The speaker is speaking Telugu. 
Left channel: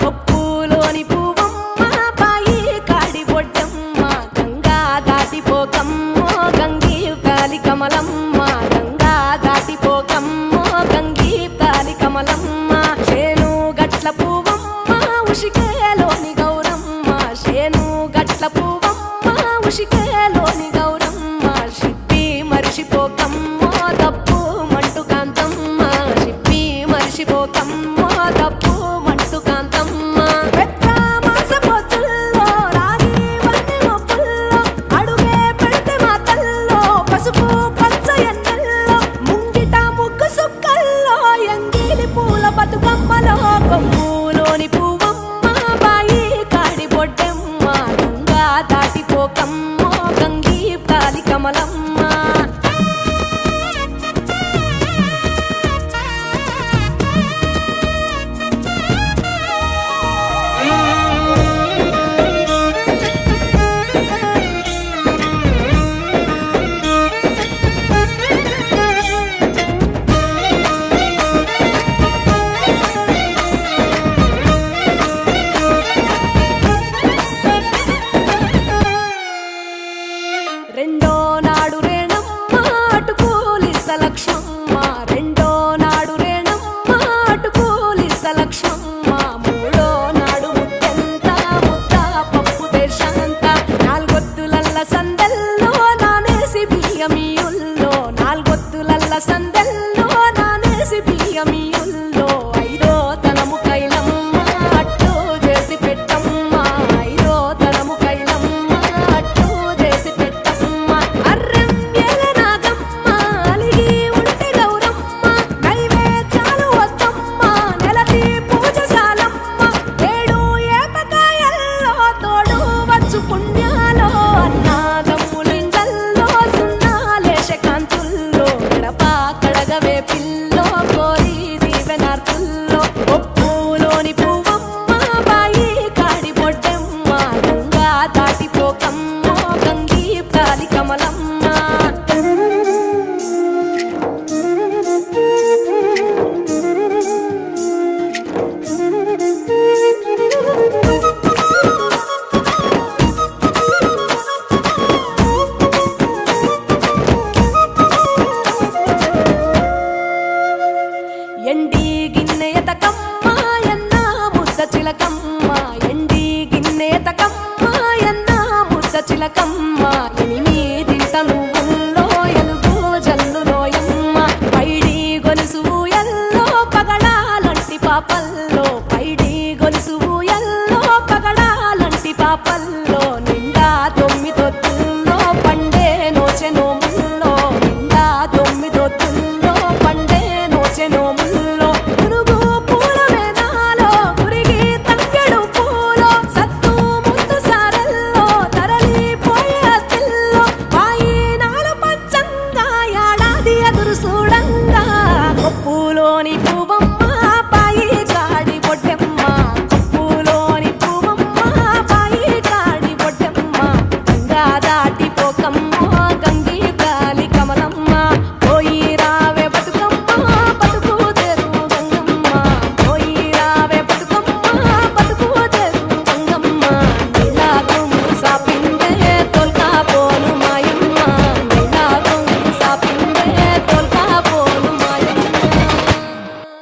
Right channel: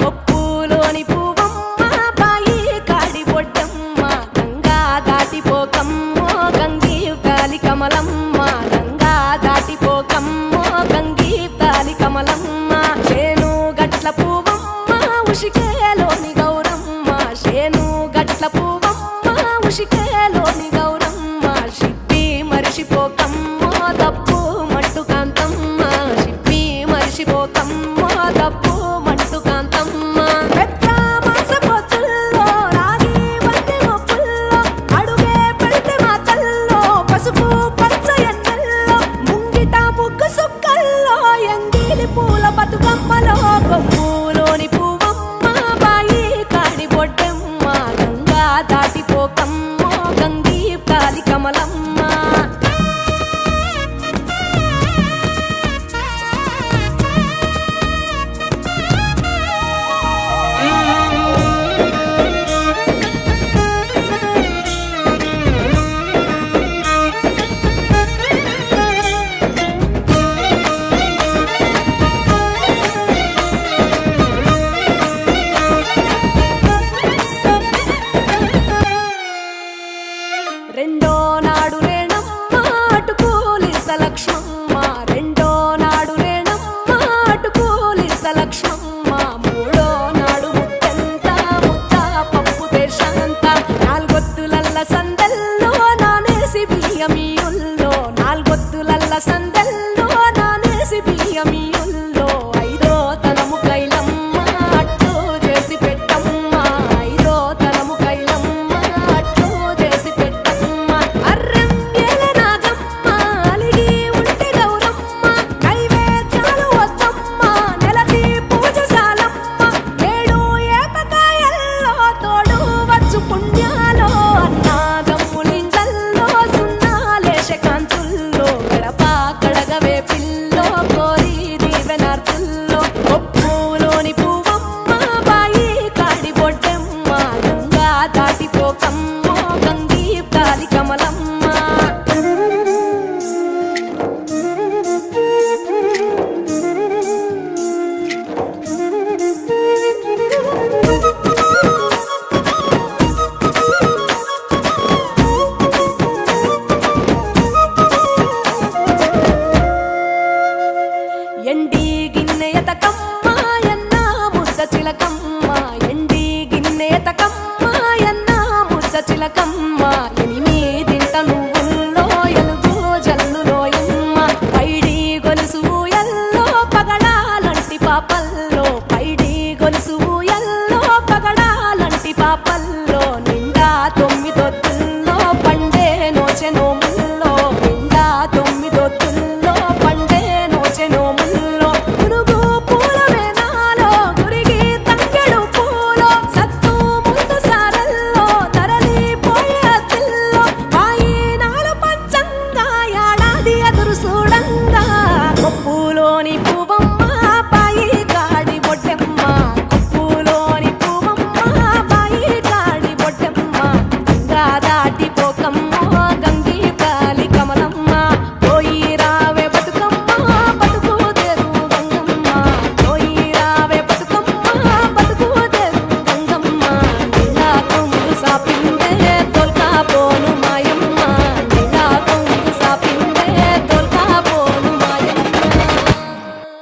కొప్పులోని పువ్వమ్మ బాయి కాడి బొడ్డమ్మ గంగా దాటిపోకమ్మో గంగీ తాలి కమలమ్మ గంగా దాటిపోకమ్మో గంగీ తాలి కమలమ్మ శేను గట్ల పువ్వమ్మ ఉషికేలోని గౌరమ్మ శేను గట్ల పువ్వమ్మ ఉషికేలోని గౌరమ్మ షిప్పి మరిషిపోకమ్మో తప్పు మంటు కాంతమ్మ షిప్పి మరిషిపోకమ్మో తప్పు మంటు కాంతమ్మ పెద్ద మాస పొత్తుల్లో రాగి వన్నె మొప్పుల్లో అడుగే పెడితే మా తల్లో పసుపు పచ్చ ఎన్నెల్లో ముంగిట ముగ్గు సుక్కల్లో ఎంగిలి పూల బతుకమ్మలో కొమ్ములోని పువ్వమ్మ బాయి కాడి బొడ్డెమ్మ గంగా దాటిపోకమ్మో గంగీ తాలి కమలమ్మ రెండో నాడు రేణమ్మ అటుకూలిస్త లక్ష్మమ్మ రెండో నాడు రేణమ్మ అటుకూలిస్త లక్ష్మమ్మ మూడో నాడు ముత్తెంత ముద్ద పప్పు దేశంత నాలుగొత్తులల్ల సందెల్లో నానేసి బియ్యమియుల్లో నాలుగొత్తులల్ల సందెల్లో నానేసి బియ్యమియుల్లో ఐదో తనము కైలమ్మ అట్టు చేసి పెట్టమ్మ ఐదో తనము కైలమ్మ అట్టు చేసి పెట్టమ్మ అర్రెం ఏలనాగమ్మ అలిగి ఉంటే గౌరమ్మ నైవేద్యాలు వద్దమ్మ నెలతి పూజశాలమ్మ ఏడు ఏపకాయల్లో తోడు వచ్చు పుణ్యాలో అన్నాదమ్ములింగల్లో సున్నాలేశ కాంతుల్లో గడప కడగవే పిల్లో కోరి దీవెనార్తుల్లో కొప్పులోని పువ్వమ్మ బాయి కాడి బొడ్డెమ్మ గంగా దాటిపోకమ్మో గంగీ తాలి కమలమ్మ ఎండి గిన్నెయతకమ్మ ఎన్న ముద్ద చిలకమ్మ ఎండి గిన్నెయతకమ్మ ఎన్న ముద్ద చిలకమ్మ ఎనిమిదింట నువ్వుల్లో ఎలుగు జల్లులోయమ్మ పైడి గొలుసు ఎల్లో పగడాలంటి పాపల్లో పైడి గొలుసు ఎల్లో పగడాలంటి పాపల్లో నిండా తొమ్మిదొత్తుల్లో పండే నోచె నోముల్లో నిండా తొమ్మిదొత్తుల్లో పండే నోచె నోముల్లో పురుగు పూల వేనాలో గురిగి తంగెడు పూలో సత్తు ముందు సారల్లో తరలిపోయే అతిల్లో పాయినాల పంచంగా ఏడాది ఎదురు చూడంగా కొప్పులోని పువ్వమ్మ పాయి కాడి బొడ్డెమ్మ కొప్పులోని పువ్వమ్మ పాయి కాడి బొడ్డెమ్మ గంగా దాటిపోకమ్మో గంగీ తాలి కమలమ్మ పోయి రావే బతుకమ్మ బతుకు తెరు గంగమ్మ పోయి రావే బతుకమ్మ బతుకు తెరు గంగమ్మ నీలా కొమ్ము సాపిందే తొల్కా పోను